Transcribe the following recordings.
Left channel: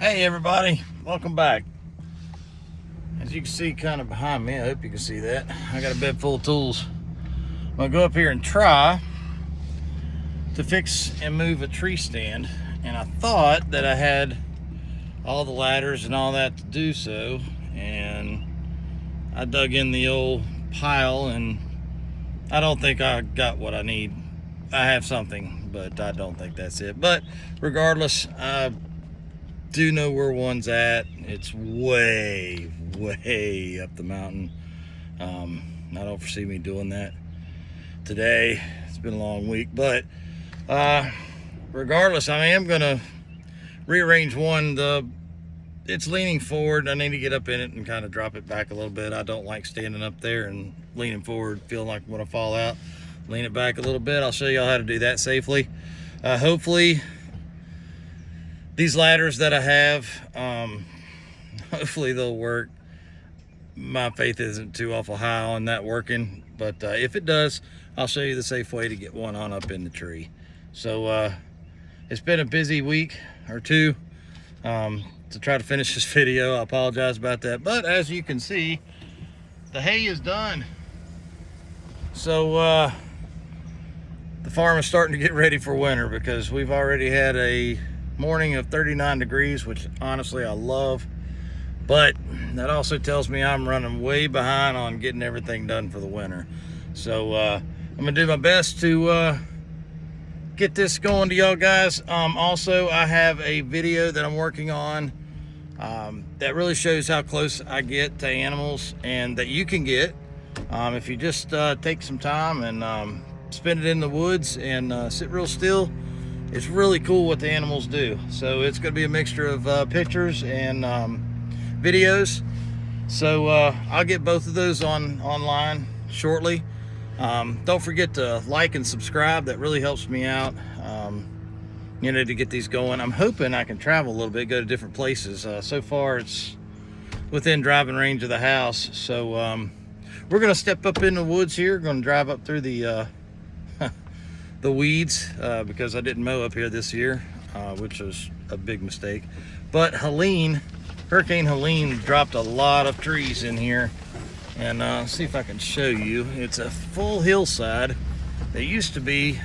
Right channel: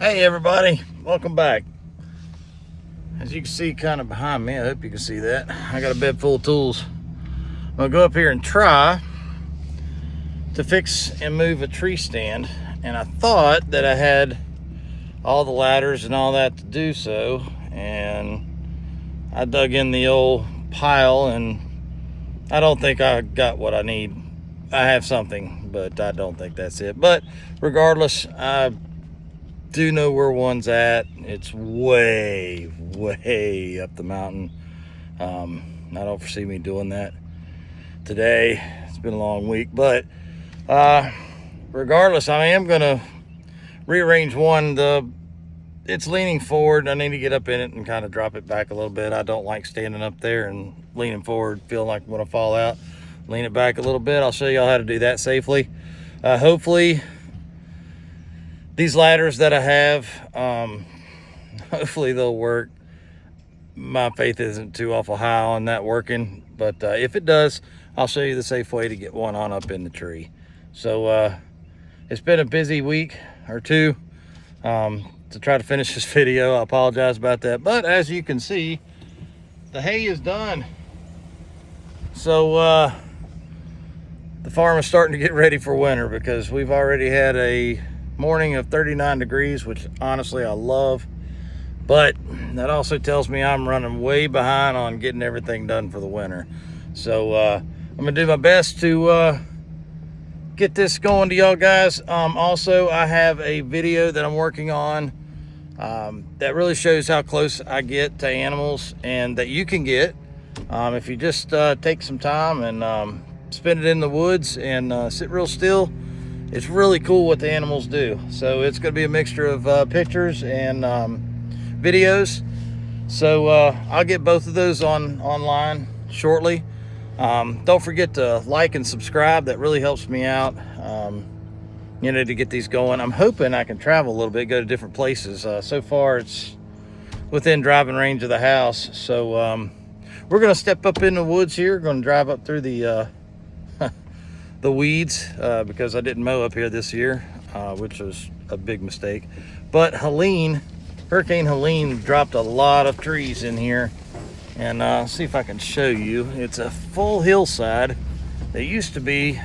Hey everybody, welcome back. As you can see kind of behind me, I hope you can see that, I got a bed full of tools. I'm gonna go up here and try to fix and move a tree stand, and I thought that I had all the ladders and all that to do so, and I dug in the old pile and I don't think I got what I need. I have something, but I don't think that's it. But regardless, I do know where one's at. It's way up the mountain. I don't foresee me doing that today. It's been a long week, but regardless, I am gonna rearrange one. It's leaning forward. I need to get up in it and kind of drop it back a little bit. I don't like standing up there and leaning forward, feeling like I'm gonna fall out. Lean it back a little bit. I'll show y'all how to do that safely. Hopefully these ladders that I have, hopefully they'll work. My faith isn't too awful high on that working, but if it does, I'll show you the safe way to get one on up in the tree. So it's been a busy week or two to try to finish this video. I apologize about that, but as you can see, the hay is done. So the farm is starting to get ready for winter, because we've already had a morning of 39 degrees, which honestly I love, but that also tells me I'm running way behind on getting everything done for the winter. So I'm gonna do my best to get this going to y'all guys. Also, I have a video that I'm working on that really shows how close I get to animals, and that you can get if you just take some time and spend it in the woods and sit real still. It's really cool what the animals do. So it's going to be a mixture of pictures and videos. So I'll get both of those online shortly. Don't forget to like and subscribe. That really helps me out, to get these going. I'm hoping I can travel a little bit, go to different places. So far it's within driving range of the house. So we're going to step up in the woods here. Going to drive up through the weeds because I didn't mow up here this year, which was a big mistake. But Hurricane Helene dropped a lot of trees in here, and see if I can show you. It's a full hillside. There used to be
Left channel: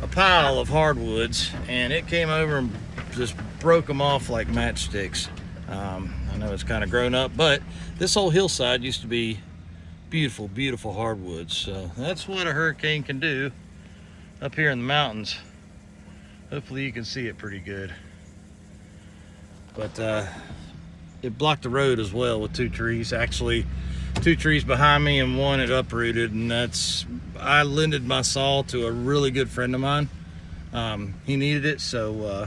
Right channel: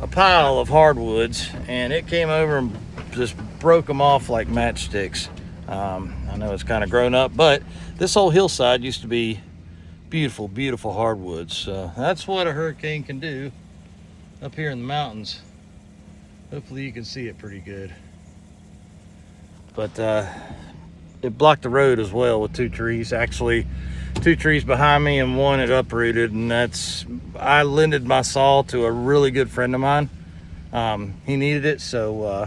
a pile of hardwoods, and it came over and just broke them off like matchsticks. I know it's kind of grown up, but this whole hillside used to be beautiful hardwoods. So that's what a hurricane can do up here in the mountains. Hopefully you can see it pretty good. But it blocked the road as well with two trees. Actually, two trees behind me, and one it uprooted, and I lended my saw to a really good friend of mine. He needed it, so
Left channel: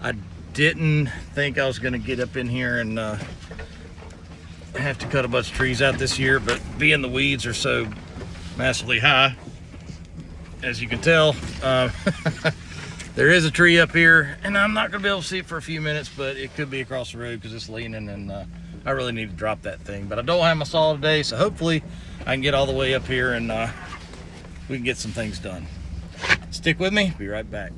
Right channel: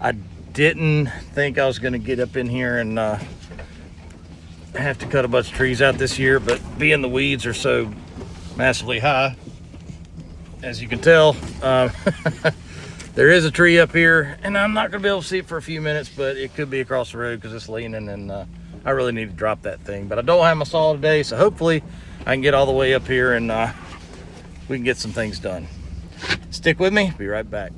I didn't think I was gonna get up in here and have to cut a bunch of trees out this year, but being the weeds are so massively high, as you can tell, there is a tree up here, and I'm not gonna be able to see it for a few minutes, but it could be across the road because it's leaning, and I really need to drop that thing. But I don't have my saw today, so hopefully I can get all the way up here and we can get some things done. Stick with me, be right back.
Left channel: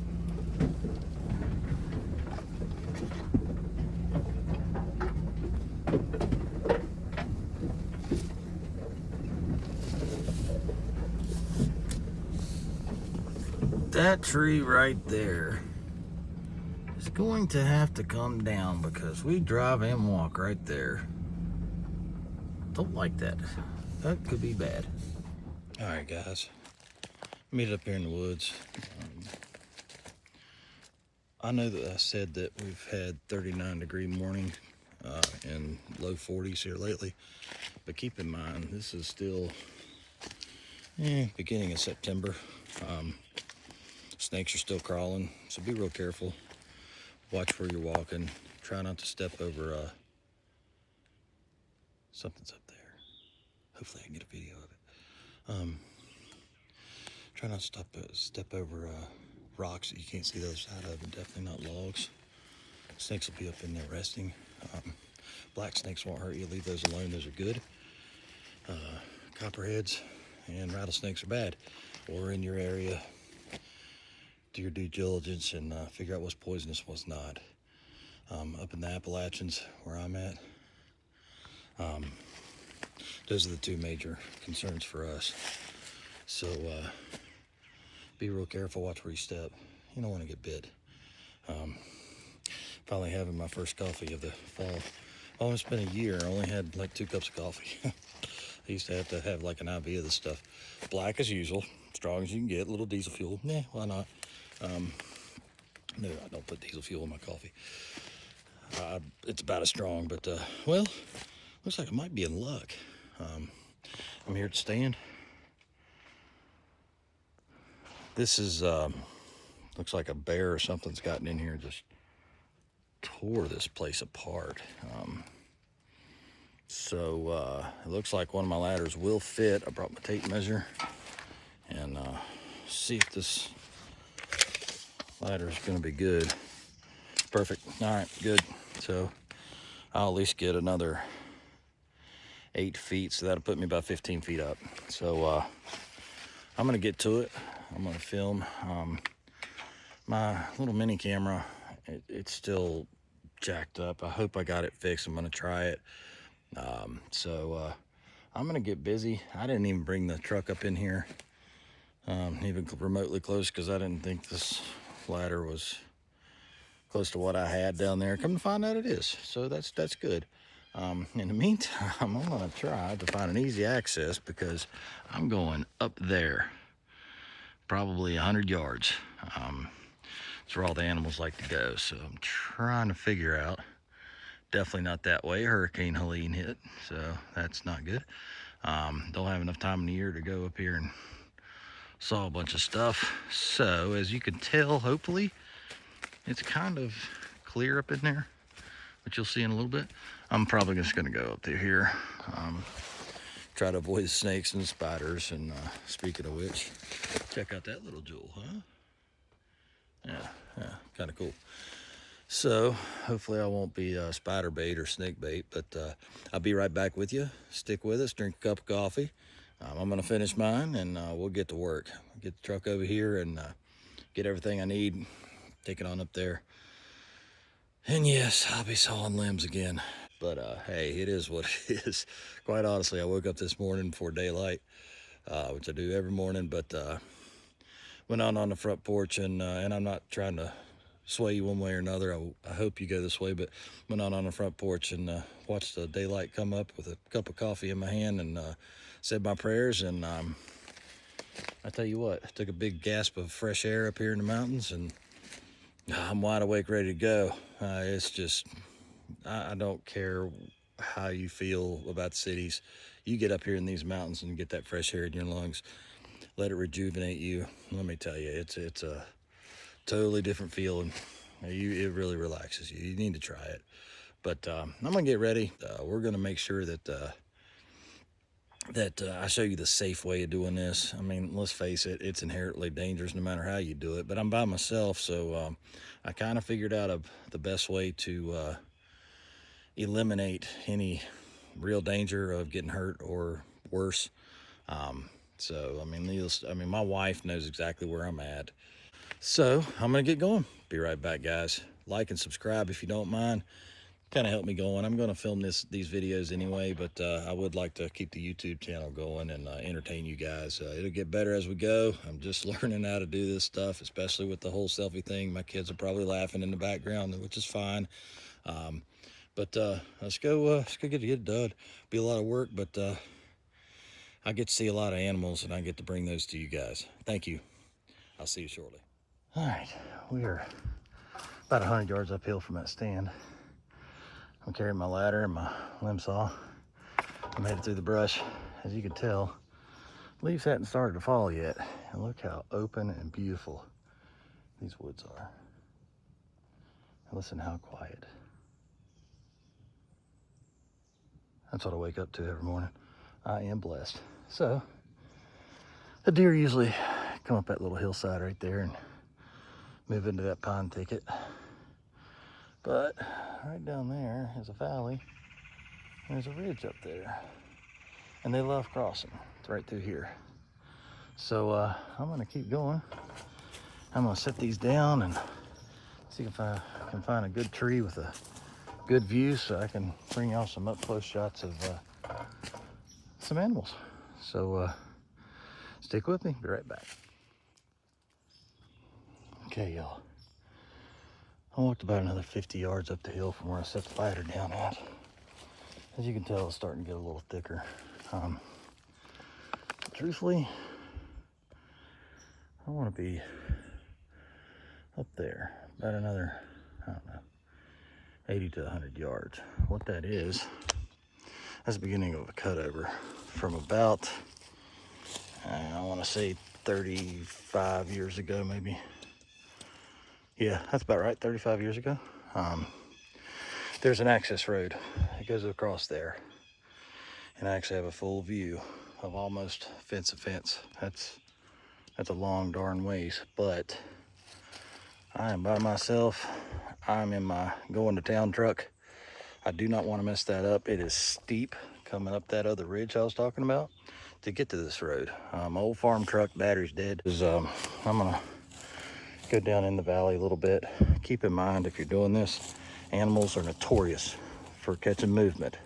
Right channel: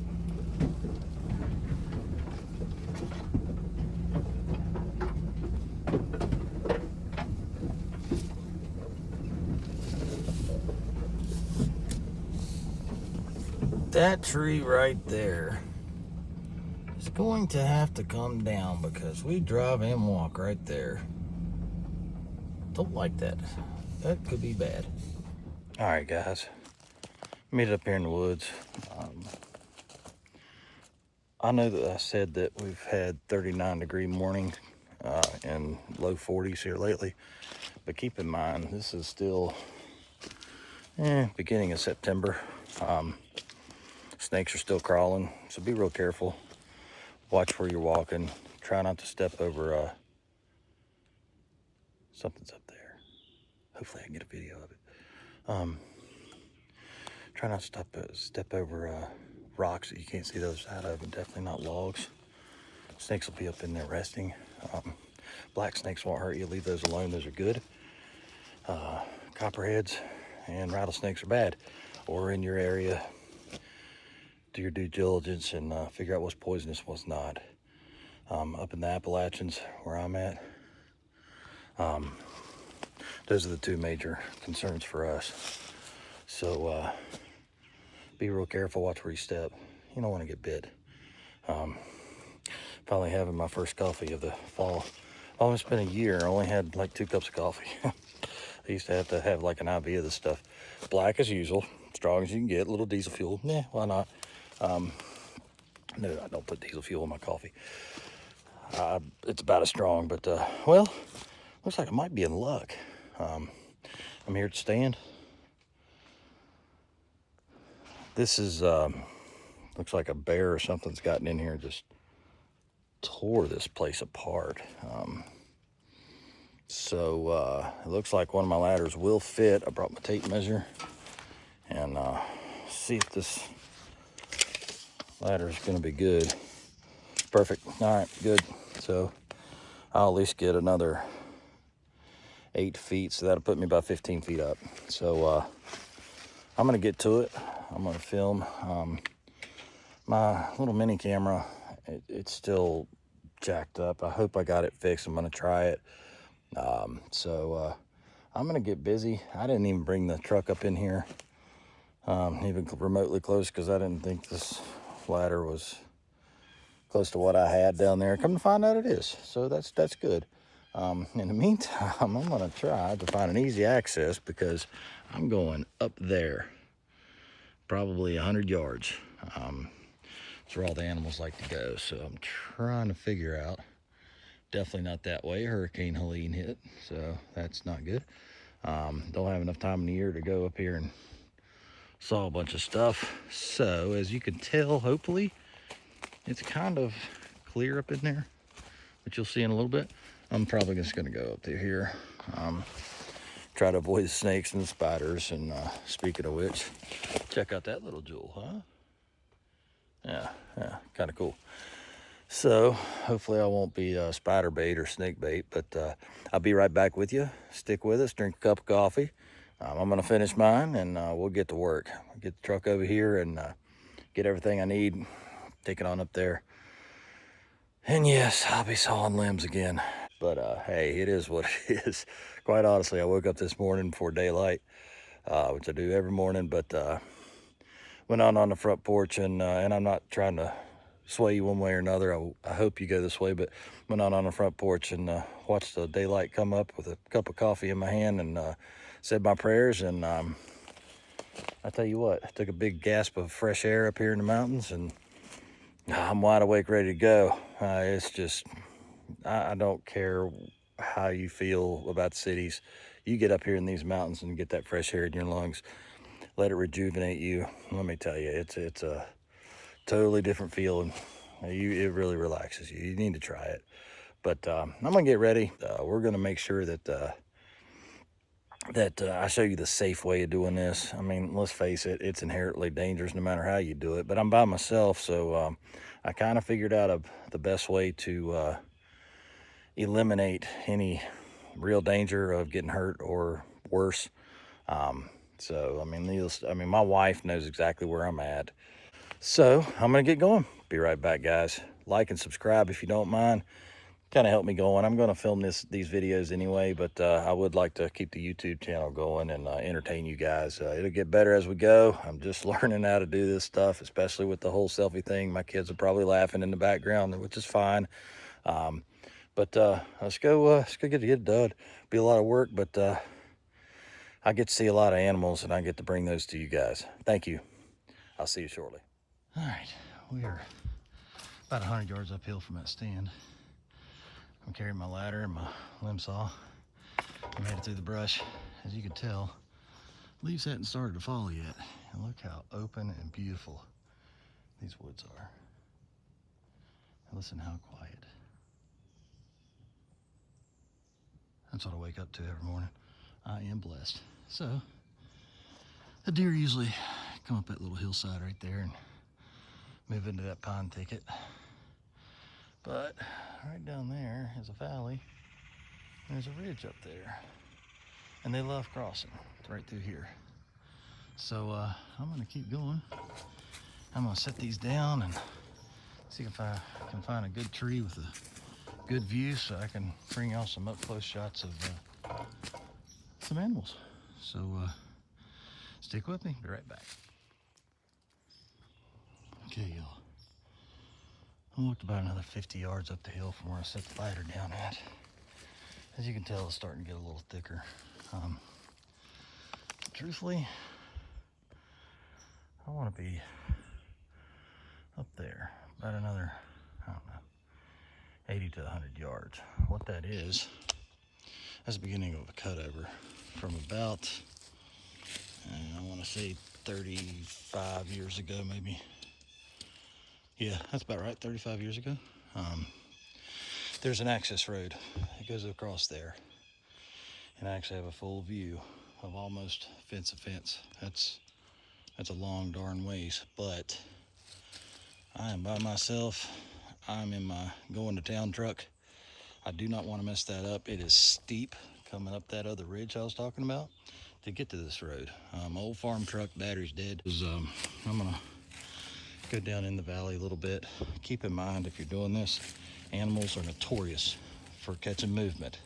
That tree right there is going to have to come down, because we drive and walk right there. Don't like that. That could be bad. All right, guys. Meet up here in the woods. I know that I said that we've had 39-degree morning and low 40s here lately, but keep in mind this is still beginning of September. Snakes are still crawling, so be real careful. Watch where you're walking. Try not to step over something's up there. Hopefully I can get a video of it. Try not to step over rocks that you can't see the other side of, and definitely not logs. Snakes will be up in there resting. Black snakes won't hurt you. Leave those alone. Those are good. Copperheads and rattlesnakes are bad. Or in your area, do your due diligence and figure out what's poisonous, what's not. up in the Appalachians where I'm at. Those are the two major concerns for us. So be real careful, watch where you step. You don't want to get bit. Finally having my first coffee of the fall. Oh, it's been a year. I only had like 2 cups of coffee. I used to have like an IV of this stuff. Black as usual, strong as you can get, a little diesel fuel. Nah, why not? No, I don't put diesel fuel in my coffee. It's about as strong, but well, looks like I might be in luck. I'm here at the stand. This is, looks like a bear or something's gotten in here, just tore this place apart. So it looks like one of my ladders will fit. I brought my tape measure and see if this ladder is going to be good. Perfect. All right, good. So I'll at least get another 8 feet, so that'll put me about 15 feet up. So I'm going to get to it. I'm going to film. My little mini camera, it's still jacked up. I hope I got it fixed. I'm going to try it. So I'm going to get busy. I didn't even bring the truck up in here, even remotely close, because I didn't think this ladder was close to what I had down there. Come to find out it is. So that's good. In the meantime, I'm going to try to find an easy access, because I'm going up there, probably 100 yards. It's where all the animals like to go. So I'm trying to figure out. Definitely not that way. Hurricane Helene hit, so that's not good. Don't have enough time in the year to go up here and saw a bunch of stuff. So as you can tell, hopefully it's kind of clear up in there, which you'll see in a little bit. I'm probably just going to go up through here, try to avoid snakes and spiders. And speaking of which, check out that little jewel, huh? Yeah, kind of cool. So hopefully I won't be spider bait or snake bait, but I'll be right back with you. Stick with us, drink a cup of coffee. I'm gonna finish mine, and we'll get to work. Get the truck over here and get everything I need, take it on up there. And yes, I'll be sawing limbs again. But hey, it is what it is. Quite honestly, I woke up this morning before daylight, which I do every morning, but went out on the front porch, and I'm not trying to sway you one way or another. I hope you go this way, but went out on the front porch and watched the daylight come up with a cup of coffee in my hand, and said my prayers. And I tell you what, I took a big gasp of fresh air up here in the mountains, and I'm wide awake, ready to go. It's just, I don't care how you feel about cities. You get up here in these mountains and get that fresh air in your lungs, let it rejuvenate you. Let me tell you, it's a totally different feeling. It really relaxes you. You need to try it. But I'm gonna get ready. We're gonna make sure that I show you the safe way of doing this. I mean, let's face it, it's inherently dangerous no matter how you do it. But I'm by myself, so I kind of figured out the best way to eliminate any real danger of getting hurt or worse. So I mean, my wife knows exactly where I'm at. So I'm gonna get going. Be right back, guys. Like and subscribe if you don't mind. Kind of help me going. I'm gonna film these videos anyway, but I would like to keep the YouTube channel going and entertain you guys. It'll get better as we go. I'm just learning how to do this stuff, especially with the whole selfie thing. My kids are probably laughing in the background, which is fine. But let's go get it done. Be a lot of work, but I get to see a lot of animals, and I get to bring those to you guys. Thank you. I'll see you shortly. All right, we are about 100 yards uphill from that stand. I'm carrying my ladder and my limb saw. I'm headed through the brush. As you can tell, leaves hadn't started to fall yet. And look how open and beautiful these woods are. And listen how quiet. That's what I wake up to every morning. I am blessed. So, the deer usually come up that little hillside right there and move into that pine thicket. But right down there is a valley. There's a ridge up there. And they love crossing. It's right through here. So I'm gonna keep going. I'm gonna set these down and see if I and find a good tree with a good view so I can bring y'all some up close shots of some animals. So stick with me, be right back. Okay, y'all. I walked about another 50 yards up the hill from where I set the ladder down at. As you can tell, it's starting to get a little thicker. Truthfully, I'm gonna be up there about another, I don't know, 80 to 100 yards. What that is, that's the beginning of a cutover from about, I wanna say 35 years ago, maybe. Yeah, that's about right, 35 years ago. There's an access road that goes across there. And I actually have a full view of almost fence to fence. That's a long darn ways, but I am by myself. I'm in my going to town truck. I do not want to mess that up. It is steep coming up that other ridge I was talking about to get to this road. Old farm truck, battery's dead. I'm gonna go down in the valley a little bit. Keep in mind, if you're doing this, animals are notorious for catching movement.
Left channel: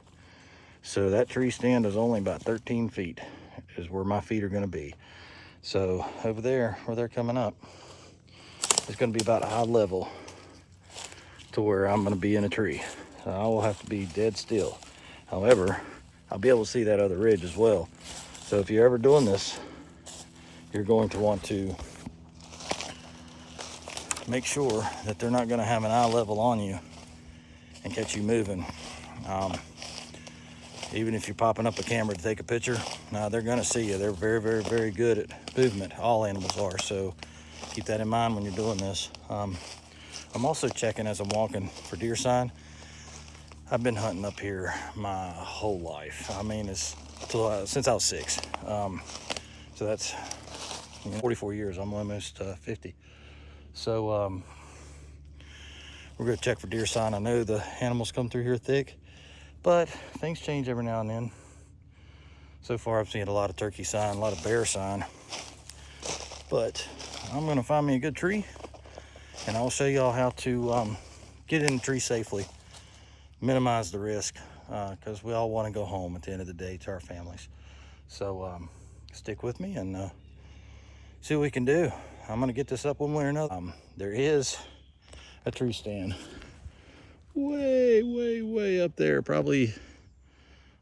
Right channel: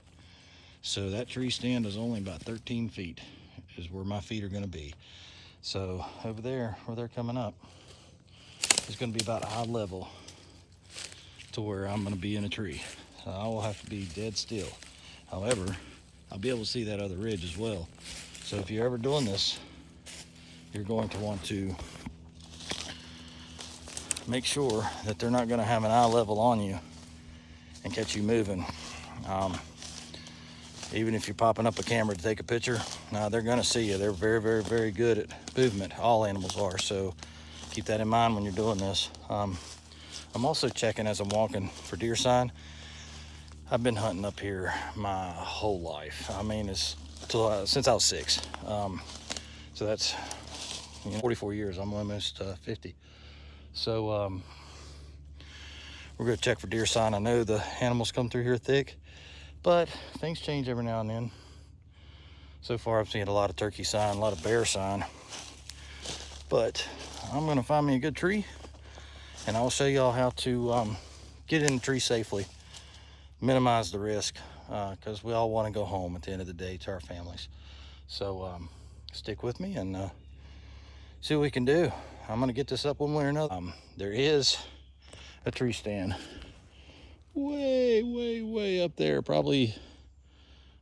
So that tree stand is only about 13 feet is where my feet are going to be. So over there where they're coming up, it's going to be about eye level to where I'm going to be in a tree. So I will have to be dead still. However, I'll be able to see that other ridge as well. So if you're ever doing this, you're going to want to make sure that they're not going to have an eye level on you and catch you moving. Even if you're popping up a camera to take a picture, they're gonna see you. They're very, very, very good at movement. All animals are, so keep that in mind when you're doing this. I'm also checking as I'm walking for deer sign. I've been hunting up here my whole life. I mean, it's since I was 6. So that's 44 years. I'm almost 50. So we're gonna check for deer sign. I know the animals come through here thick, but things change every now and then. So far I've seen a lot of turkey sign, a lot of bear sign. But I'm gonna find me a good tree and I'll show y'all how to get in the tree safely, minimize the risk, because we all wanna go home at the end of the day to our families. So stick with me and see what we can do. I'm gonna get this up one way or another. There is a tree stand way up there, probably,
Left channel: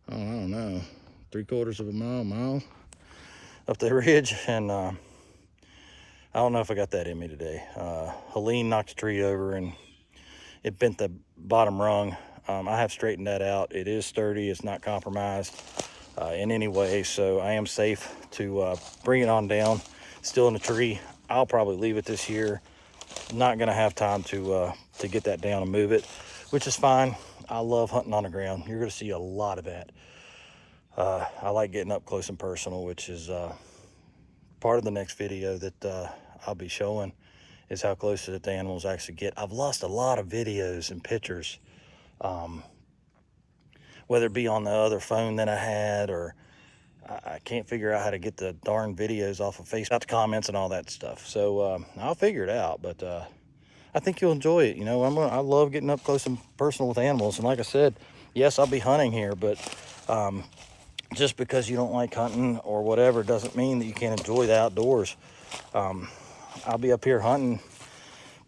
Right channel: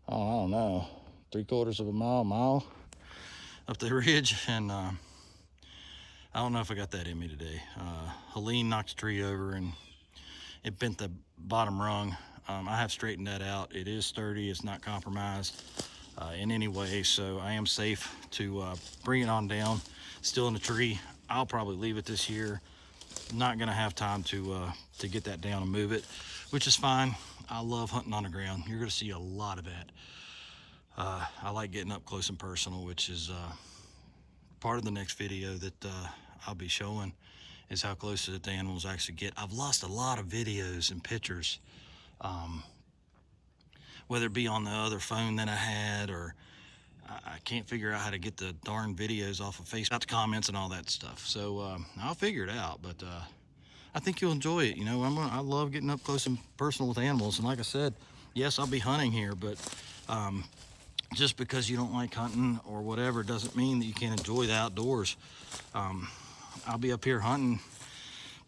I don't know, 3/4 of a mile up the ridge. And I don't know if I got that in me today. Helene knocked a tree over and it bent the bottom rung. I have straightened that out. It is sturdy, it's not compromised in any way, so I am safe to bring it on down. Still in the tree. I'll probably leave it this year. Not gonna have time to get that down and move it, which is fine. I love hunting on the ground. You're gonna see a lot of that. I like getting up close and personal, which is part of the next video that I'll be showing, is how close that the animals actually get. I've lost a lot of videos and pictures, whether it be on the other phone that I had, or I can't figure out how to get the darn videos off of Facebook, out the comments and all that stuff. So I'll figure it out, but I think you'll enjoy it. You know, I love getting up close and personal with animals. And like I said, yes, I'll be hunting here, but just because you don't like hunting or whatever doesn't mean that you can't enjoy the outdoors. I'll be up here hunting,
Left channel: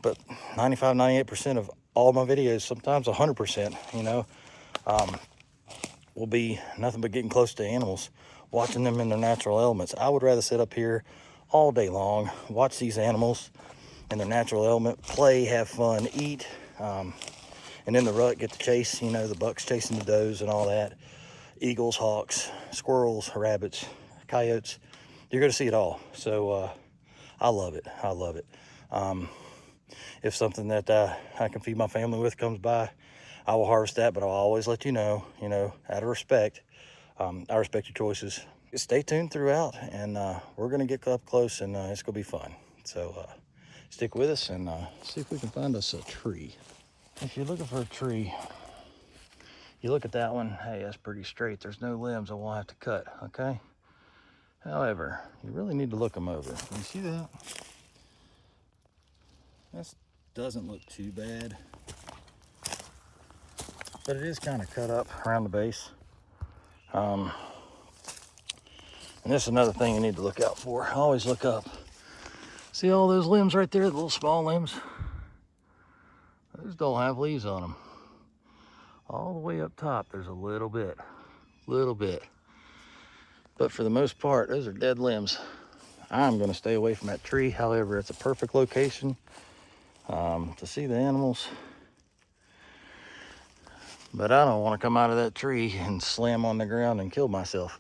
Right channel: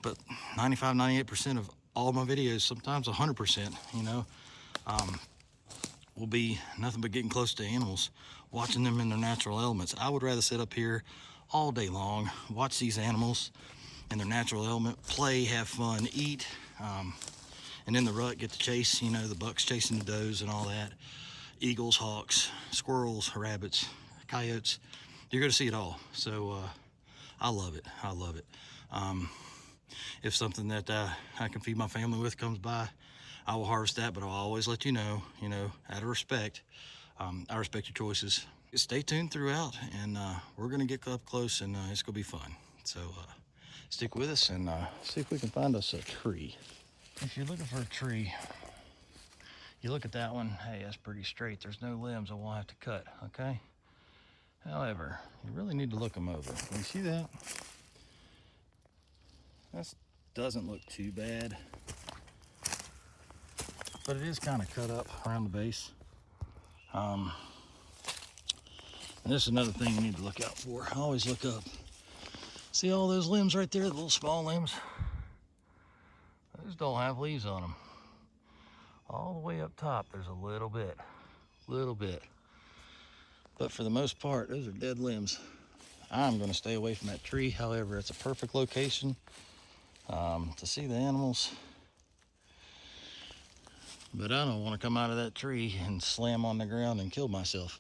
but 95, 98% of all my videos, sometimes 100%, you know, will be nothing but getting close to animals, watching them in their natural elements. I would rather sit up here all day long, watch these animals in their natural element, play, have fun, eat, and in the rut get to chase, you know, the bucks chasing the does and all that. Eagles, hawks, squirrels, rabbits, coyotes. You're gonna see it all. So I love it. I love it. If something that I can feed my family with comes by, I will harvest that, but I'll always let you know, out of respect. I respect your choices. Stay tuned throughout, and we're gonna get up close, and it's gonna be fun. So stick with us and see if we can find us a tree. If you're looking for a tree, you look at that one, hey, that's pretty straight. There's no limbs I won't have to cut, okay? However, you really need to look them over. You see that? That doesn't look too bad. but it is kind of cut up around the base. And this is another thing you need to look out for. Always look up. See all those limbs right there, the little small limbs? Those don't have leaves on them. All the way up top, there's a little bit. But for the most part, those are dead limbs. I'm gonna stay away from that tree. However, it's a perfect location to see the animals. But I don't want to come out of that tree and slam on the ground and kill myself.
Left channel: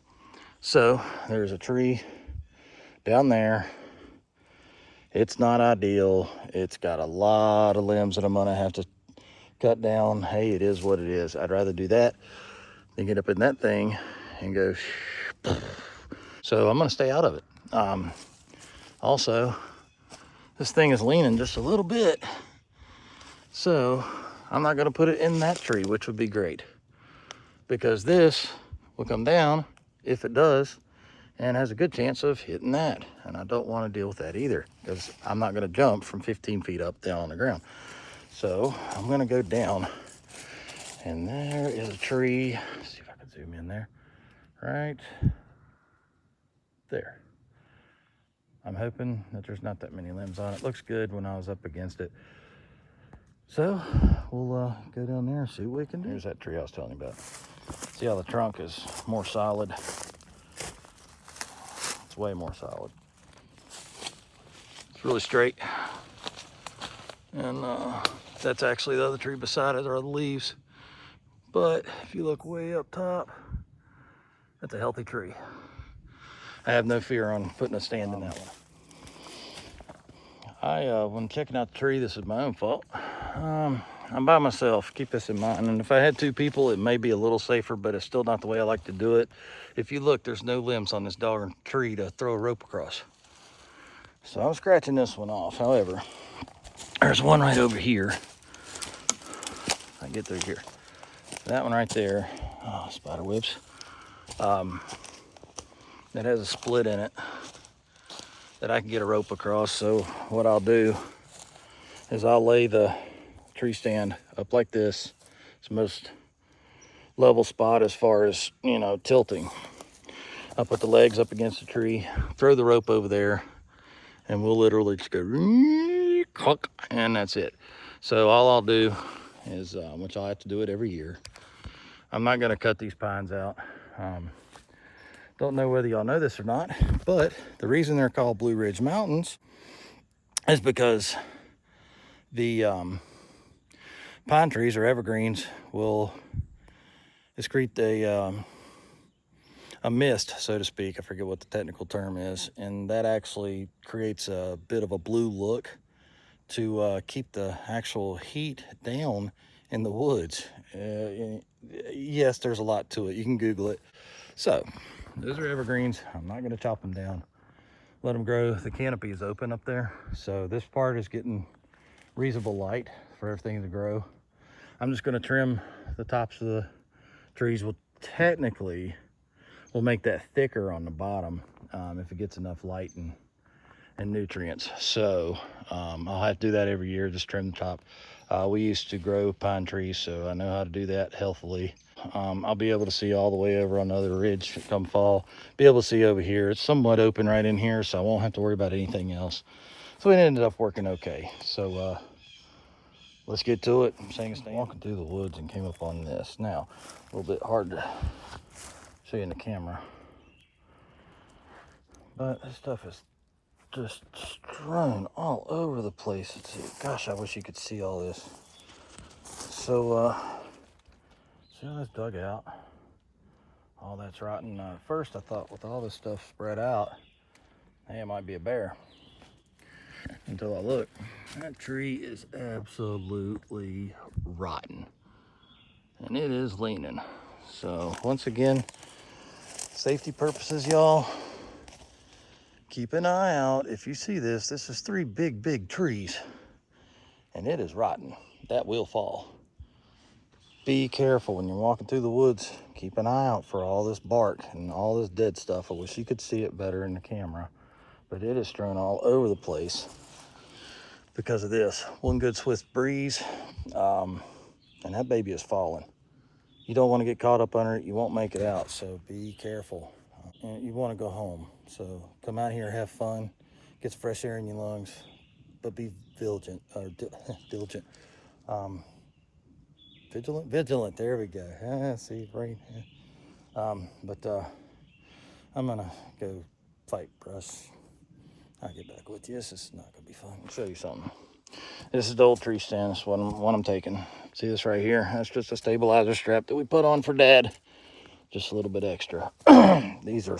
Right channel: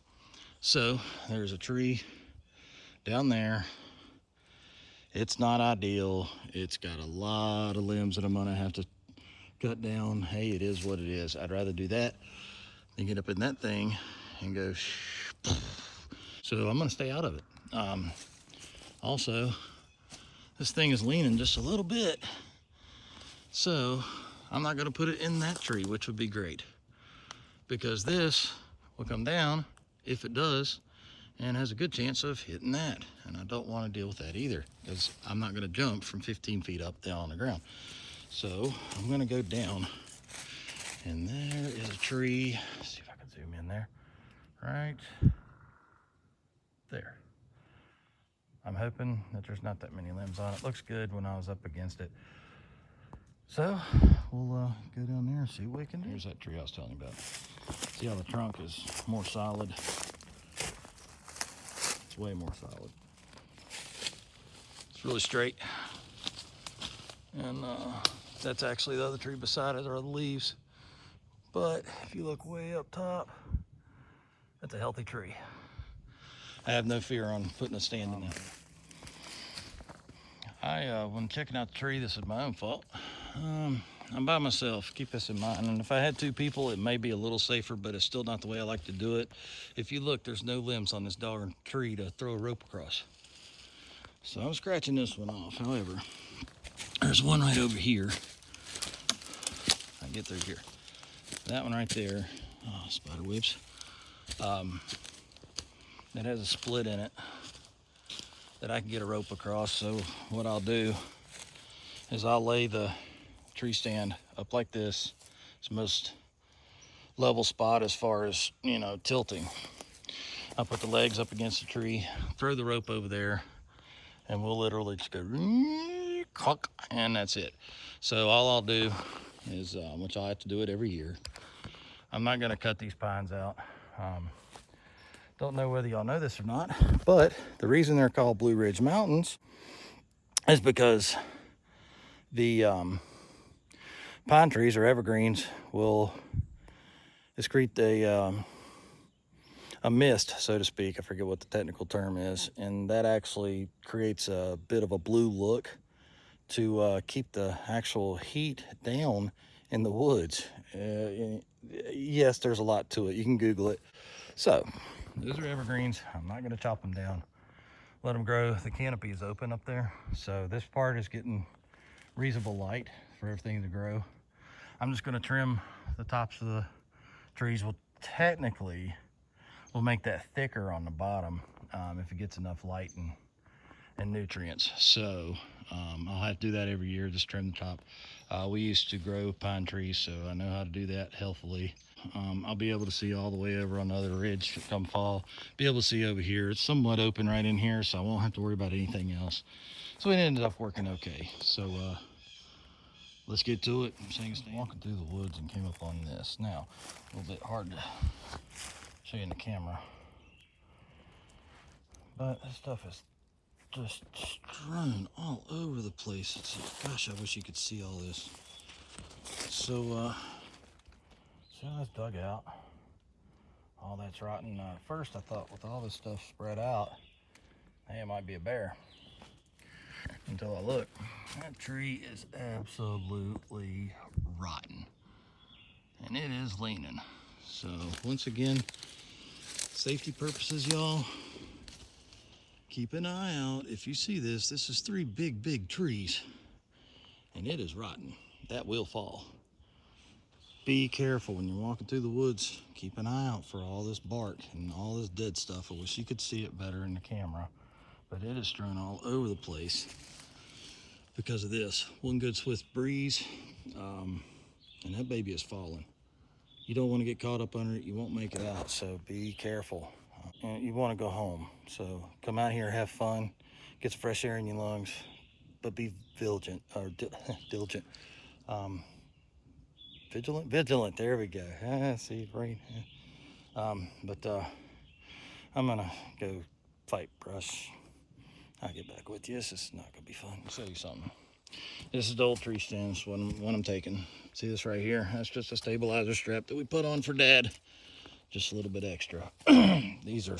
So there's a tree down there. It's not ideal. It's got a lot of limbs that I'm gonna have to cut down. Hey, it is what it is. I'd rather do that than get up in that thing and go so I'm gonna stay out of it. Also, this thing is leaning just a little bit, so I'm not gonna put it in that tree, which would be great, because this will come down if it does and has a good chance of hitting that, and I don't want to deal with that either, because I'm not going to jump from 15 feet up down on the ground. So I'm going to go down, and there is a tree. Let's see if I can zoom in there. Right there. I'm hoping that there's not that many limbs on it. Looks good when I was up against it. So we'll go down there and see what we can do. There's that tree I was telling you about. See how the trunk is more solid? It's way more solid. It's really straight. And that's actually the other tree beside it, are the leaves. But if you look way up top, that's a healthy tree. I have no fear on putting a stand in that one. When checking out the tree, this is my own fault. I'm by myself, keep this in mind. And if I had two people, it may be a little safer, but it's still not the way I like to do it. If you look, there's no limbs on this darn tree to throw a rope across. So I'm scratching this one off. However, there's one right over here. I get through here. That one right there, oh, spider webs. It has a split in it that I can get a rope across. So what I'll do is I'll lay the tree stand up like this. It's the most level spot as far as, you know, tilting. I'll put the legs up against the tree, throw the rope over there, and we'll literally just go, and that's it. So all I'll do is, which I'll have to do it every year, I'm not gonna cut these pines out. Don't know whether y'all know this or not, but the reason they're called Blue Ridge Mountains is because the pine trees or evergreens will excrete a mist, so to speak. I forget what the technical term is, and that actually creates a bit of a blue look to keep the actual heat down in the woods. Yes, there's a lot to it. You can Google it. So those are evergreens. I'm not going to chop them down. Let them grow. The canopy is open up there, so this part is getting reasonable light for everything to grow. I'm just going to trim the tops of the trees. Will technically will make that thicker on the bottom if it gets enough light and nutrients. So I'll have to do that every year, just trim the top. We used to grow pine trees, so I know how to do that healthily. I'll be able to see all the way over on the other ridge come fall. Be able to see over here. It's somewhat open right in here, so I won't have to worry about anything else. So it ended up working okay. So let's get to it. I'm walking through the woods and came up on this. Now, a little bit hard to show you in the camera, but this stuff is just strewn all over the place. Gosh, I wish you could see all this. So see how that's dug out? All that's rotten. First I thought with all this stuff spread out, hey, it might be a bear. Until I look, that tree is absolutely rotten. And it is leaning. So once again, safety purposes, y'all, keep an eye out. If you see this, this is 3 big trees, and it is rotten. That will fall. Be careful when you're walking through the woods. Keep an eye out for all this bark and all this dead stuff. I wish you could see it better in the camera, but it is strewn all over the place because of this. One good swift breeze, and that baby is falling. You don't want to get caught up under it. You won't make it out, so be careful. And you want to go home. So come out here, have fun, get some fresh air in your lungs, but be vigilant, or diligent. Vigilant, there we go. See, right. But I'm gonna go fight brush. I'll get back with you. This is not gonna be fun. I'll show you something. This is the old tree stand. This one I'm taking. See this right here? That's just a stabilizer strap that we put on for Dad. Just a little bit extra. These are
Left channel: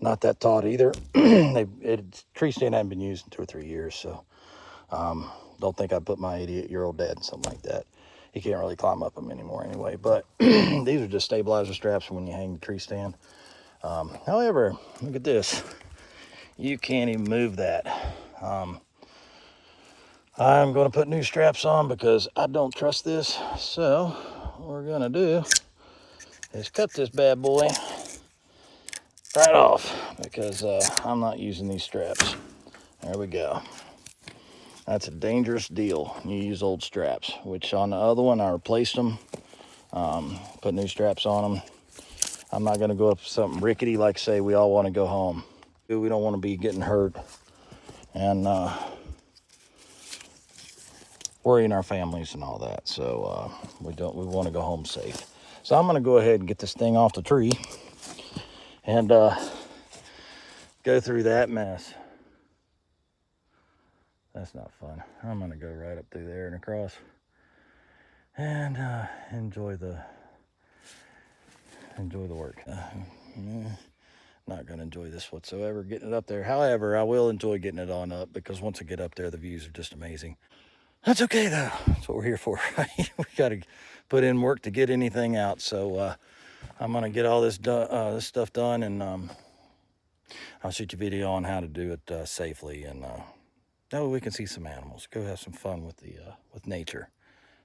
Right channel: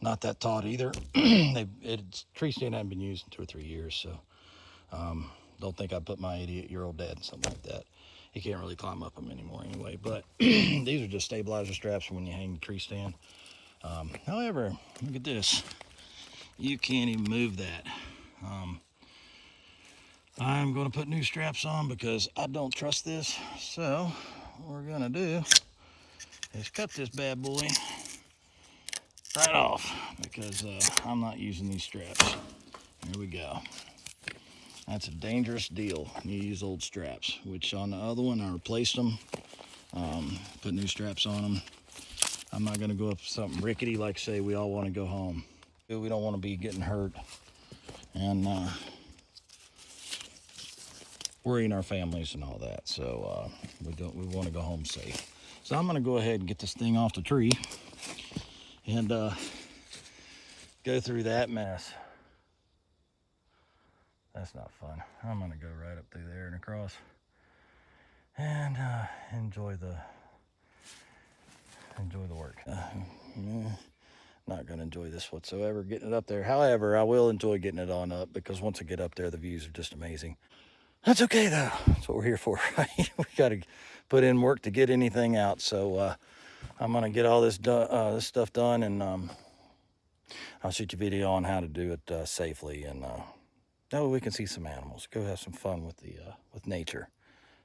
not that taut either. Tree stand hadn't been used in 2 or 3 years, so don't think I put my 88-year-old dad in something like that. He can't really climb up them anymore anyway. But these are just stabilizer straps for when you hang the tree stand. However, look at this. You can't even move that. I'm going to put new straps on because I don't trust this. So what we're going to do is cut this bad boy right off because I'm not using these straps. There we go. That's a dangerous deal. You use old straps, which on the other one I replaced them, put new straps on them. I'm not going to go up something rickety like, say, we all want to go home. We don't want to be getting hurt and worrying our families and all that. So we want to go home safe. So I'm going to go ahead and get this thing off the tree and go through that mess. That's not fun. I'm going to go right up through there and across and enjoy the work. Not going to enjoy this whatsoever, getting it up there. However, I will enjoy getting it on up because once I get up there, the views are just amazing. That's okay though. That's what we're here for, right? We got to put in work to get anything out. So I'm going to get all this this stuff done, and I'll shoot you a video on how to do it safely, and that way we can see some animals, go have some fun with with nature.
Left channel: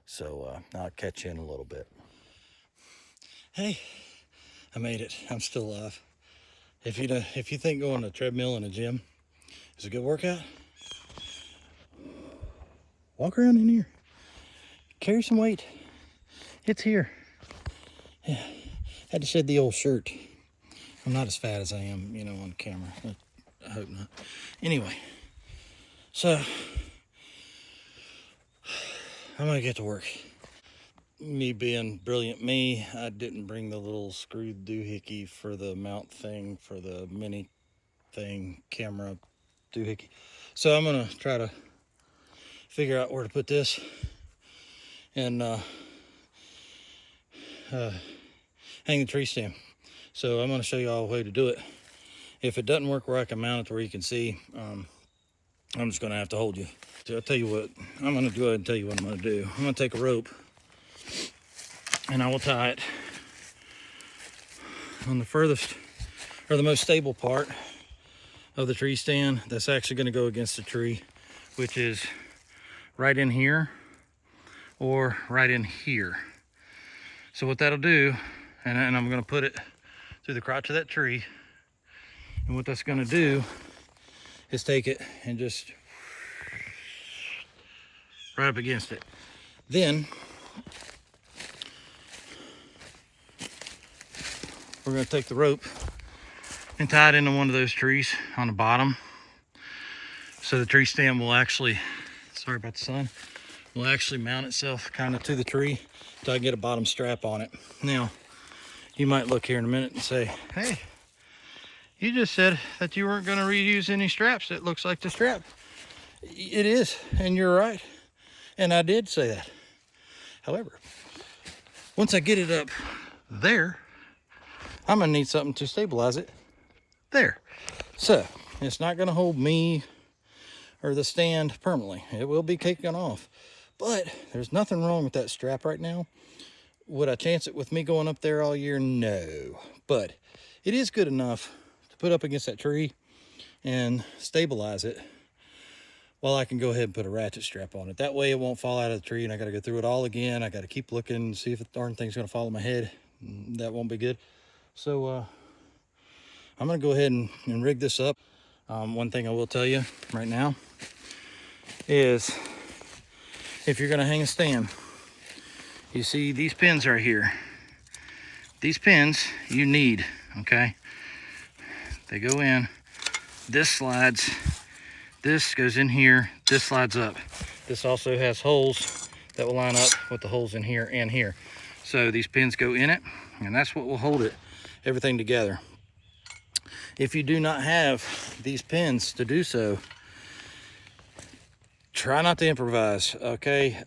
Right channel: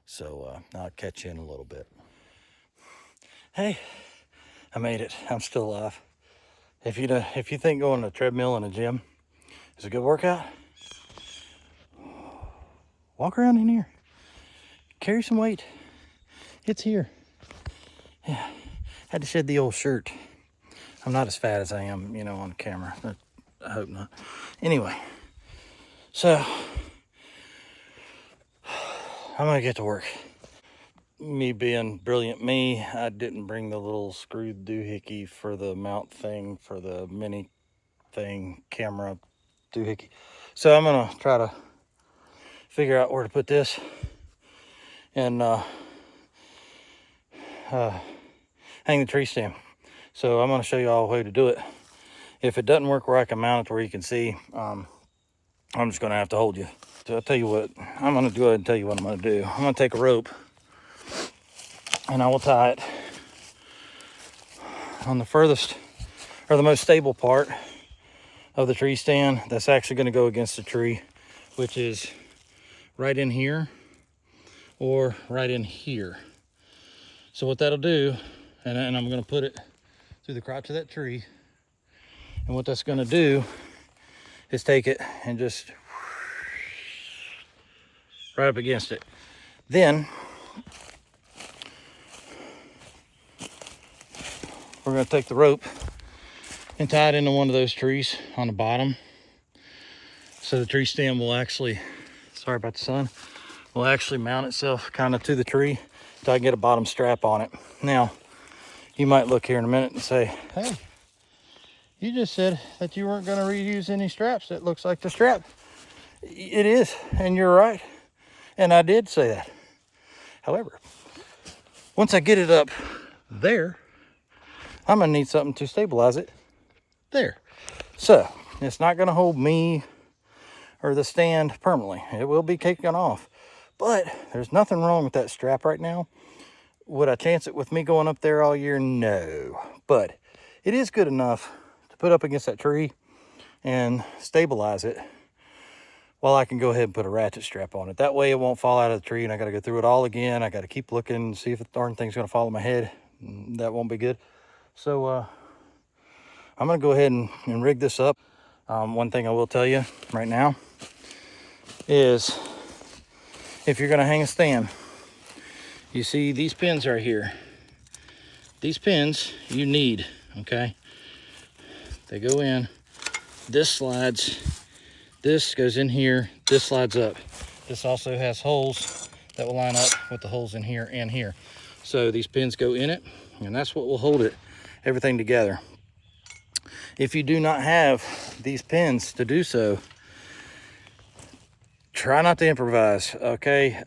So I'll catch you in a little bit. Hey, I made it. I'm still alive. If you think going to a treadmill in a gym is a good workout, walk around in here, carry some weight. It's here. Yeah, had to shed the old shirt. I'm not as fat as I am, on camera. I hope not. Anyway, so I'm gonna get to work. Me being brilliant me, I didn't bring the little screw doohickey for the mount thing for the mini thing camera doohickey. So I'm gonna try to figure out where to put this and hang the tree stand. So I'm gonna show you all a way to do it. If it doesn't work where I can mount it where you can see, I'm just gonna have to hold you. So I'll tell you what I'm gonna do. And tell you what I'm gonna do. I'm gonna take a rope and I will tie it on the furthest or the most stable part of the tree stand that's actually going to go against the tree, which is right in here or right in here. So what that'll do, and I'm going to put it through the crotch of that tree, and what that's going to do is take it and just right up against it. Then we're going to take the rope and tie it into one of those trees on the bottom. So the tree stand will actually, sorry about the sun, will actually mount itself kind of to the tree until I get a bottom strap on it. Now, you might look here in a minute and say, hey, you just said that you weren't going to reuse any straps. That looks like the strap. It is, and you're right. And I did say that. However, once I get it up there, I'm gonna need something to stabilize it there. So it's not gonna hold me or the stand permanently. It will be taken off, but there's nothing wrong with that strap right now. Would I chance it with me going up there all year? No, but it is good enough to put up against that tree and stabilize it while I can go ahead and put a ratchet strap on it. That way it won't fall out of the tree and I got to go through it all again. I got to keep looking and see if the darn thing's going to fall on my head. That won't be good. So I'm going to go ahead and rig this up. One thing I will tell you right now is if you're going to hang a stand, you see these pins right here. These pins you need, okay? They go in, this slides, this goes in here, this slides up. This also has holes that will line up with the holes in here and here. So these pins go in it, and that's what will hold it, everything together. If you do not have these pins to do so, try not to improvise, okay?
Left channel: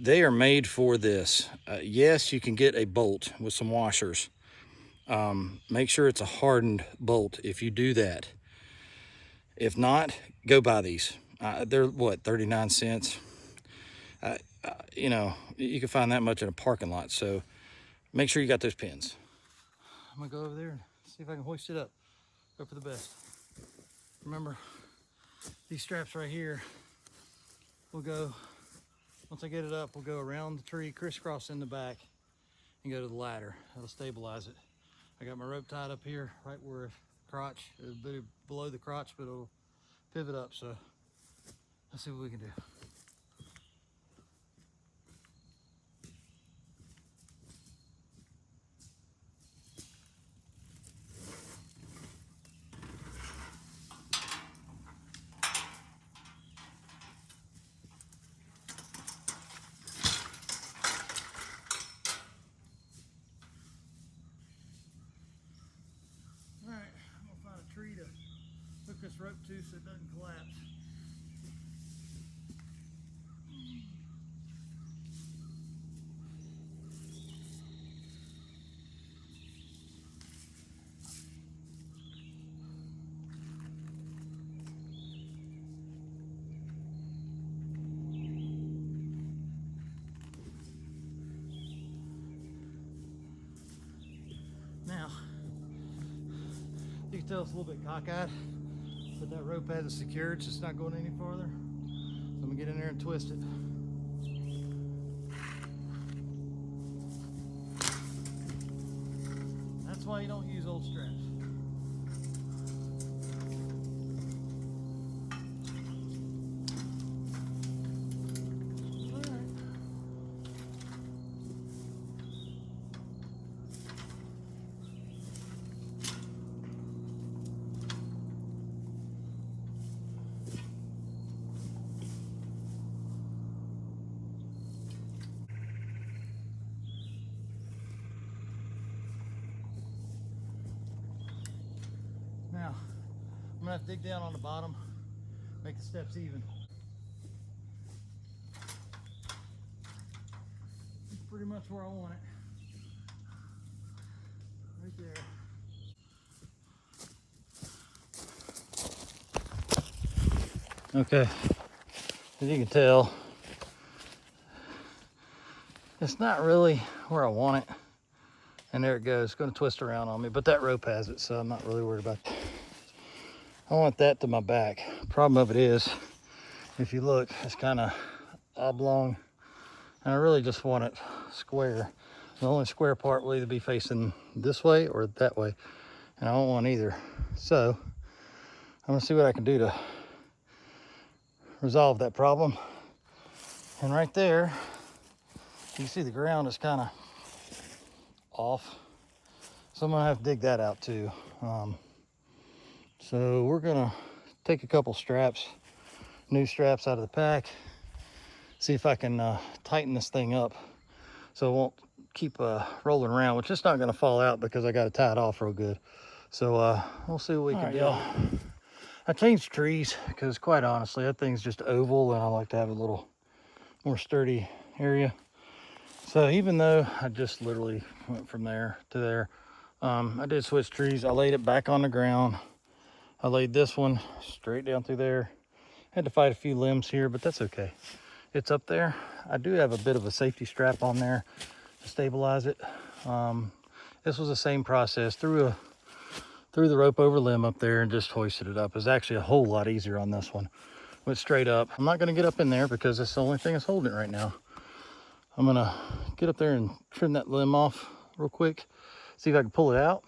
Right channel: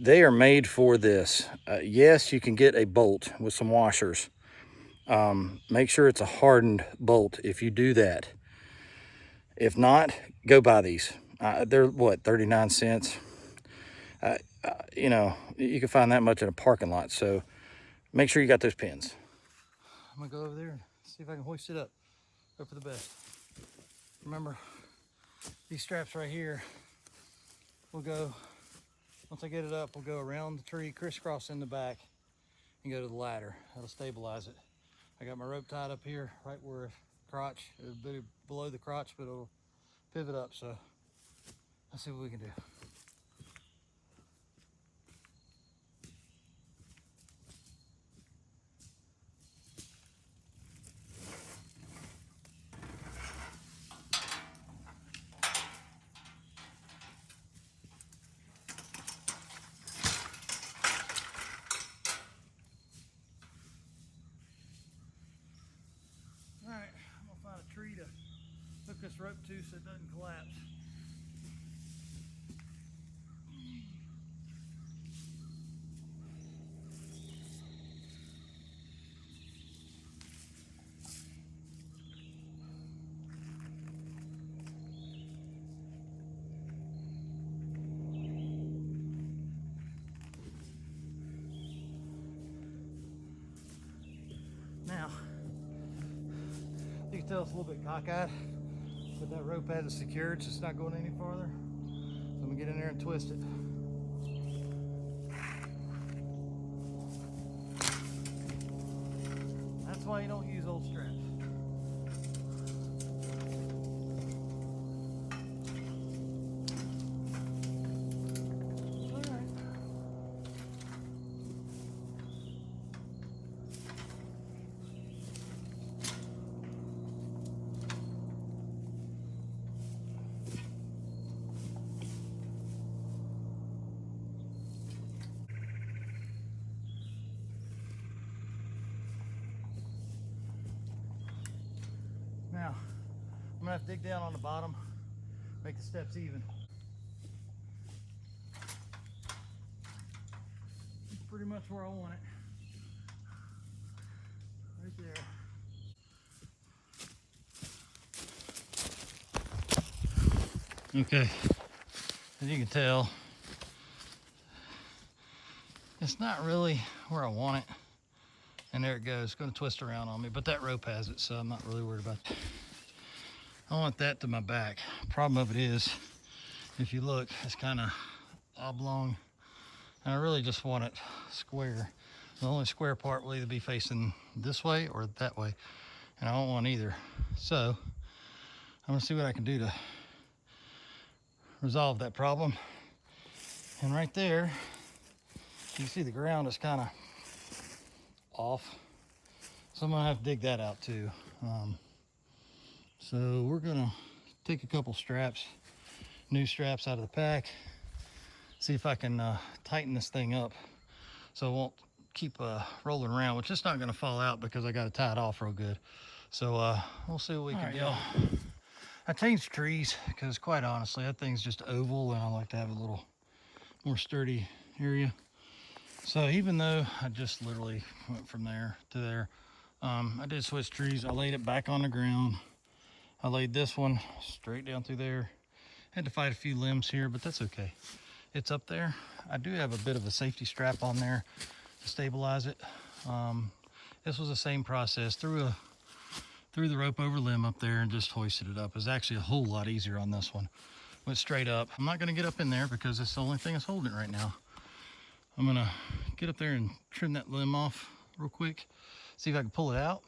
They are made for this. Yes, you can get a bolt with some washers. Make sure it's a hardened bolt if you do that. If not, go buy these. They're what, 39 cents? You know, you can find that much in a parking lot. So make sure you got those pins. I'm gonna go over there and see if I can hoist it up. Hope for the best. Remember, these straps right here will go, once I get it up, we'll go around the tree, crisscross in the back, and go to the ladder. That'll stabilize it. I got my rope tied up here, right where crotch. It'll be below the crotch, but it'll pivot up. So let's see what we can do. All right, I'm gonna find a tree to hook this rope to so it doesn't collapse. Now, you can tell it's a little bit cockeyed, but that rope has it secured, so it's not going any farther. So I'm gonna get in there and twist it. That's why you don't use old straps. Now, I'm gonna have to dig down on the bottom, make the steps even. It's pretty much where I want it. Right there. Okay, as you can tell, it's not really where I want it. And there it goes, it's gonna twist around on me, but that rope has it, so I'm not really worried about that. I want that to my back. Problem of it is, if you look, it's kind of oblong, and I really just want it square. The only square part will either be facing this way or that way, and I don't want either. So I'm gonna see what I can do to resolve that problem. And right there, you can see the ground is kind of off, so I'm gonna have to dig that out too. So we're gonna take a couple straps, new straps out of the pack, see if I can tighten this thing up so it won't keep rolling around, which is not gonna fall out because I got it tied off real good. So we'll see what we can do. I changed trees because quite honestly, that thing's just oval and I like to have a little more sturdy area. So even though I just literally went from there to there, I did switch trees. I laid it back on the ground. I laid this one straight down through there. Had to fight a few limbs here, but that's okay. It's up there. I do have a bit of a safety strap on there to stabilize it. This was the same process. Threw the rope over limb up there and just hoisted it up. It's actually a whole lot easier on this one. Went straight up. I'm not gonna get up in there because that's the only thing that's holding it right now. I'm gonna get up there and trim that limb off real quick, see if I can pull it out.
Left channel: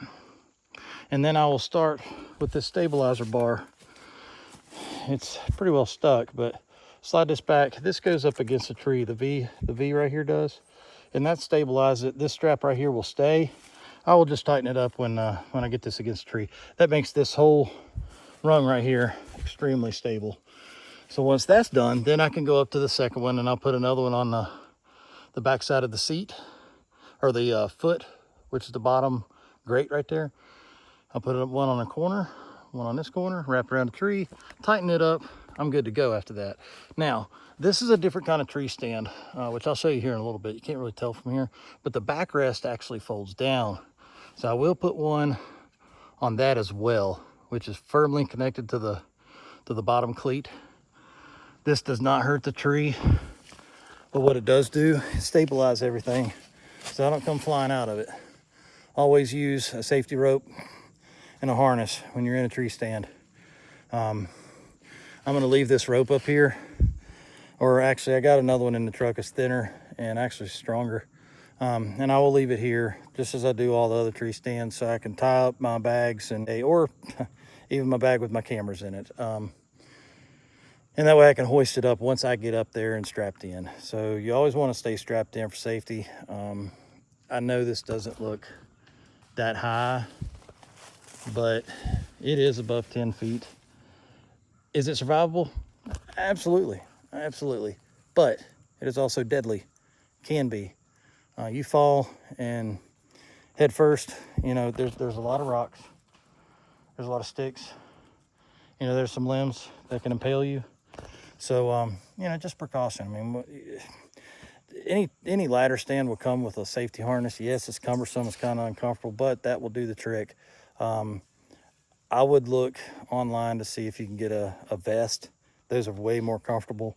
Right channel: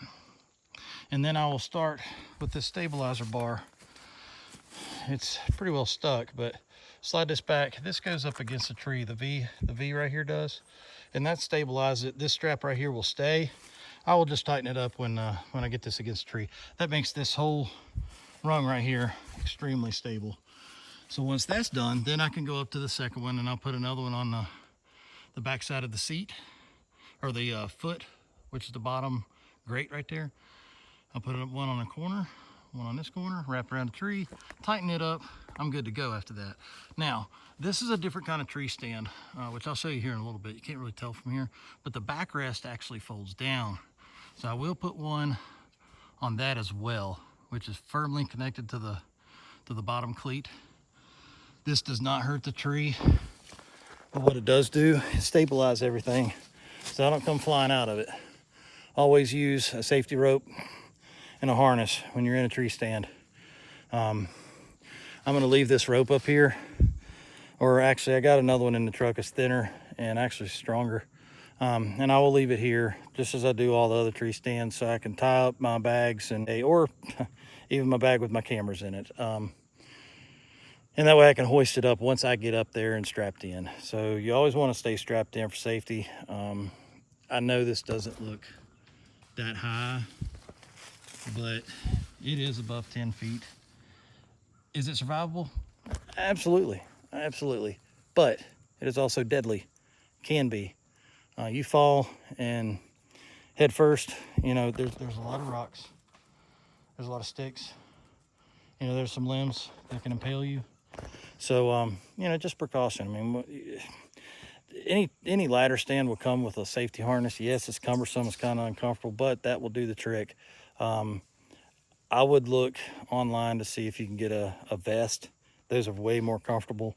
And then I will start with this stabilizer bar. It's pretty well stuck, but slide this back. This goes up against the tree. The V right here does, and that stabilizes it. This strap right here will stay. I will just tighten it up when I get this against the tree. That makes this whole rung right here extremely stable. So once that's done, then I can go up to the second one, and I'll put another one on the back side of the seat, or the foot, which is the bottom grate right there. I'll put one on a corner, one on this corner, wrap around the tree, tighten it up. I'm good to go after that. Now, this is a different kind of tree stand, which I'll show you here in a little bit. You can't really tell from here, but the backrest actually folds down. So I will put one on that as well, which is firmly connected to the bottom cleat. This does not hurt the tree, but what it does do is stabilize everything so I don't come flying out of it. Always use a safety rope and a harness when you're in a tree stand. I'm gonna leave this rope up here, or actually I got another one in the truck. It's thinner and actually stronger. And I will leave it here just as I do all the other tree stands, so I can tie up my bags or even my bag with my cameras in it. And that way I can hoist it up once I get up there and strapped in. So you always want to stay strapped in for safety. I know this doesn't look that high, but it is above 10 feet. Is it survivable? Absolutely, absolutely. But it is also deadly, can be. You fall and head first, you know, there's a lot of rocks. There's a lot of sticks. You know, there's some limbs that can impale you. So, you know, just precaution. I mean, any ladder stand will come with a safety harness. Yes, it's cumbersome, it's kind of uncomfortable, but that will do the trick. I would look online to see if you can get a vest. Those are way more comfortable.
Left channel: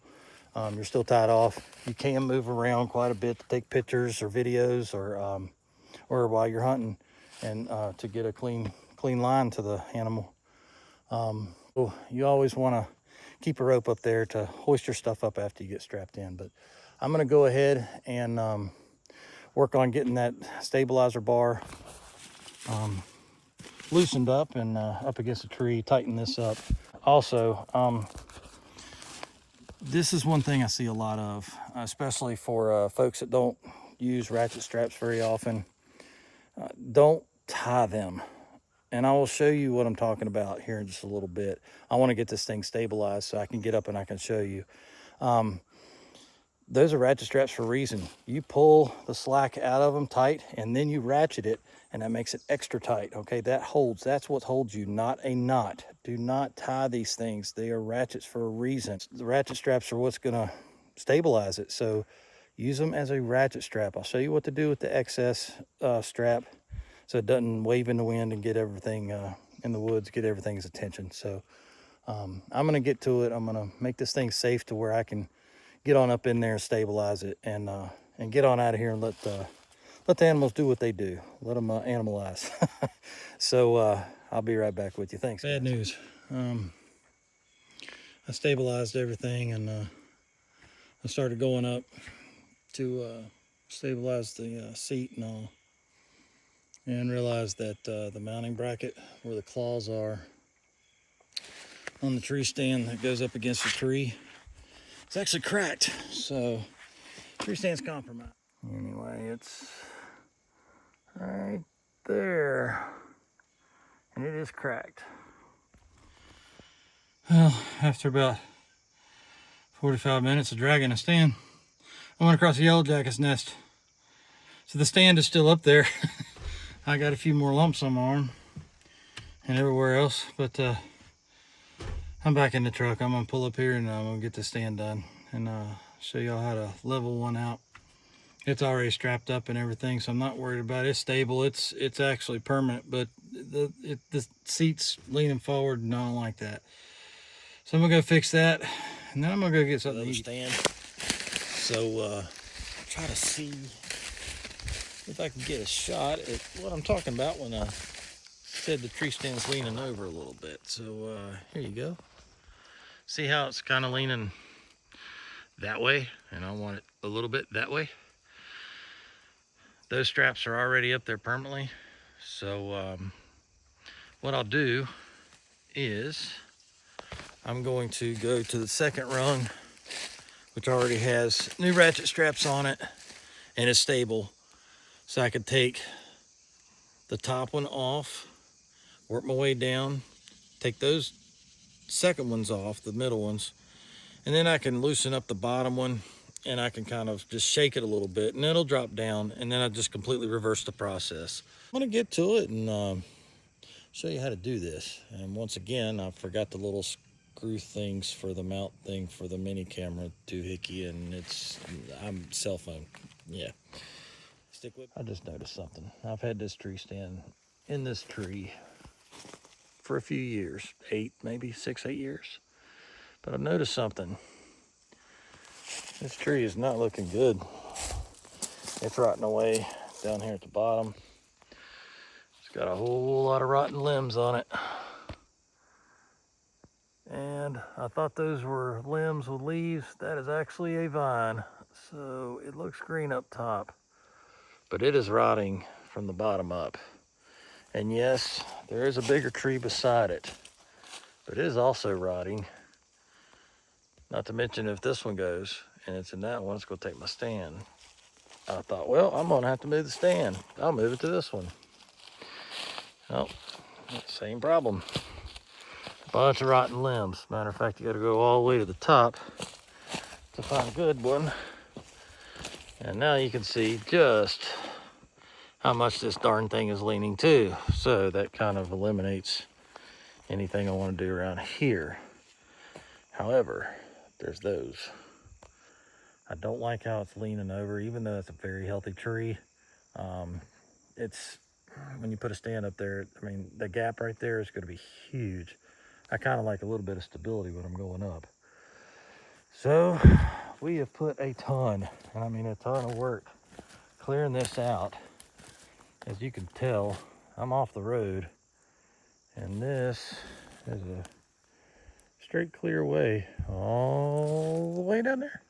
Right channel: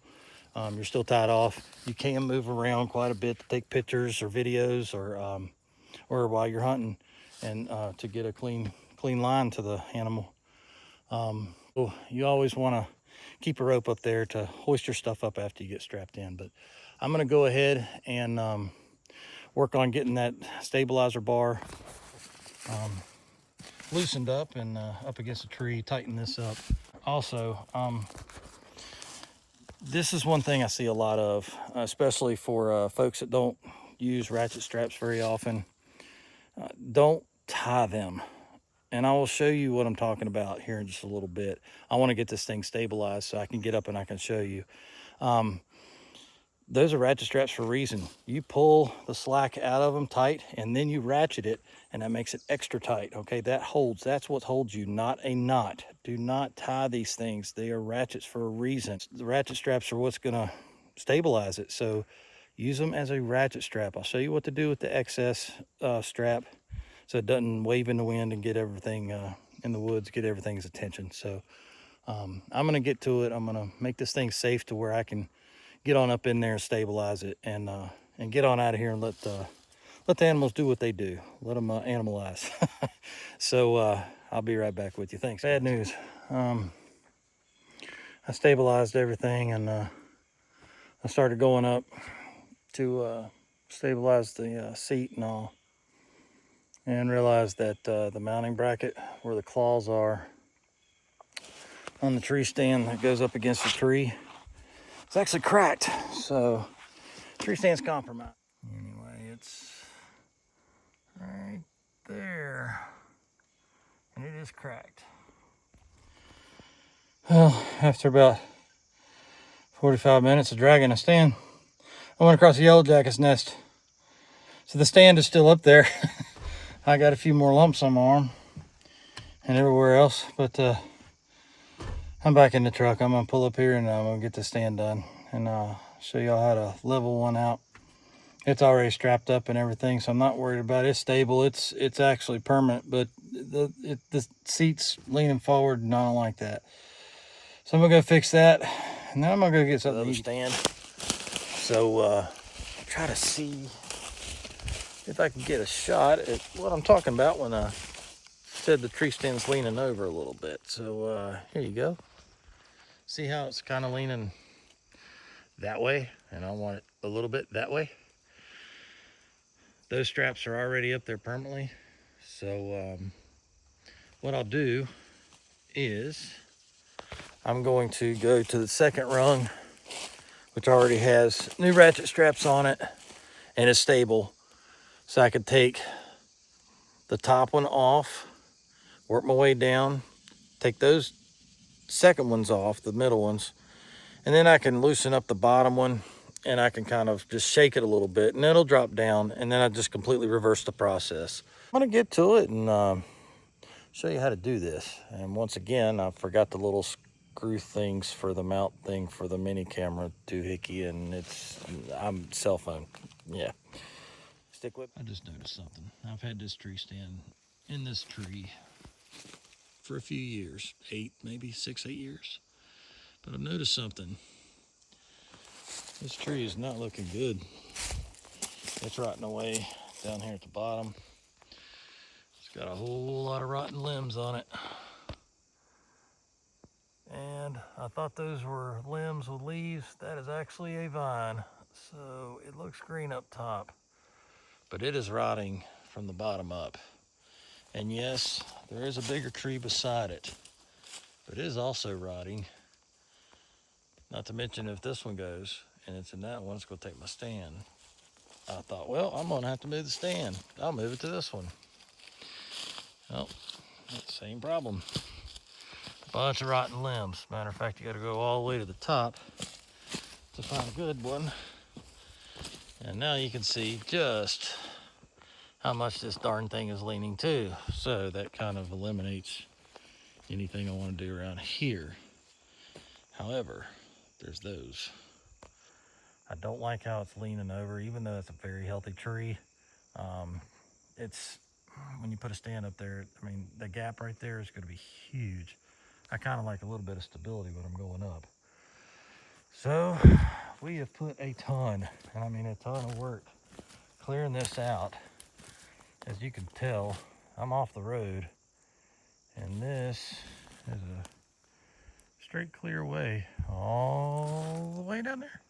You're still tied off. You can move around quite a bit to take pictures or videos, or while you're hunting, and to get a clean line to the animal. So you always want to keep a rope up there to hoist your stuff up after you get strapped in. But I'm going to go ahead and work on getting that stabilizer bar loosened up and up against the tree, tighten this up. Also, this is one thing I see a lot of, especially for folks that don't use ratchet straps very often. Don't tie them. And I will show you what I'm talking about here in just a little bit. I want to get this thing stabilized so I can get up and I can show you. Those are ratchet straps for a reason. You pull the slack out of them tight, and then you ratchet it, and that makes it extra tight. Okay, that holds. That's what holds you, not a knot. Do not tie these things. They are ratchets for a reason. The ratchet straps are what's going to stabilize it. So use them as a ratchet strap. I'll show you what to do with the excess strap, so it doesn't wave in the wind and get everything in the woods, get everything's attention. So I'm going to get to it. I'm going to make this thing safe to where I can get on up in there and stabilize it, and get on out of here and let the animals do what they do. Let them animalize. So I'll be right back with you. Thanks. Bad news. I stabilized everything, and I started going up to stabilize the seat and all, and realized that the mounting bracket where the claws are on the tree stand that goes up against the tree, it's actually cracked. So tree stand's compromised. Anyway, it's right there, and it is cracked. Well, after about 45 minutes of dragging a stand, I went across the yellow jacket's nest. So the stand is still up there. I got a few more lumps on my arm and everywhere else, but I'm back in the truck. I'm gonna pull up here and I'm gonna get the stand done, and I'll show y'all how to level one out. It's already strapped up and everything, so I'm not worried about it. It's stable. It's actually permanent, but the seat's leaning forward, and I don't like that. So I'm gonna go fix that, and then I'm gonna go get something to stand. So try to see if I can get a shot at what I'm talking about when I said the tree stand's leaning over a little bit. So here you go. See how it's kind of leaning that way, and I want it a little bit that way. Those straps are already up there permanently. So what I'll do is I'm going to go to the second rung which already has new ratchet straps on it and is stable. So I could take the top one off, work my way down, take those second ones off, the middle ones, and then I can loosen up the bottom one and I can kind of just shake it a little bit and it'll drop down, and then I just completely reverse the process. I'm gonna get to it and show you how to do this. And once again, I forgot the little screw things for the mount thing for the mini camera doohickey, and I'm cell phone. Yeah. Stick with. I just noticed something. I've had this tree stand in this tree for a few years, 8, maybe 6, 8 years. But I've noticed something. This tree is not looking good. It's rotting away down here at the bottom. It's got a whole lot of rotten limbs on it. And I thought those were limbs with leaves. That is actually a vine. So it looks green up top, but it is rotting from the bottom up. And yes, there is a bigger tree beside it, but it is also rotting. Not to mention, if this one goes and it's in that one, it's gonna take my stand. I thought, well, I'm gonna have to move the stand. I'll move it to this one. Oh, same problem. Bunch of rotten limbs. Matter of fact, you gotta go all the way to the top to find a good one. And now you can see just how much this darn thing is leaning too. So that kind of eliminates anything I want to do around here. However, there's those. I don't like how it's leaning over, even though it's a very healthy tree. It's, when you put a stand up there, I mean, the gap right there is going to be huge. I kind of like a little bit of stability when I'm going up. So we have put a ton, and I mean a ton of work clearing this out. As you can tell, I'm off the road, and this is a straight clear way all the way down there.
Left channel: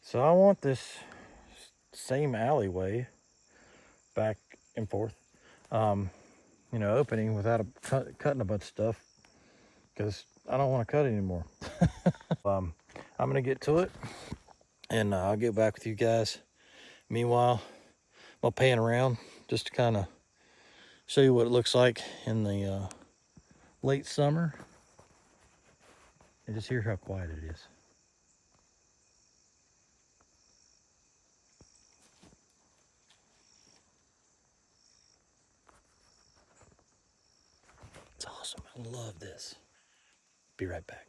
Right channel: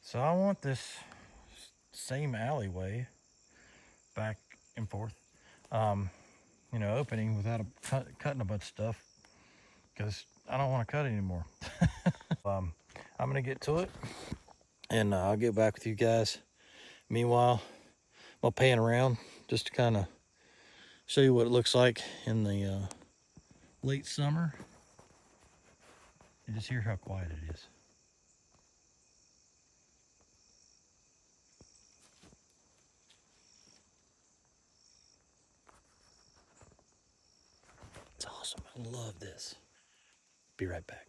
So I want this same alleyway back and forth, you know, opening without cutting a bunch of stuff, because I don't want to cut anymore. I'm gonna get to it, and I'll get back with you guys. Meanwhile, I'm pan around just to kind of show you what it looks like in the late summer, and just hear how quiet it is. It's awesome. I love this. Be right back.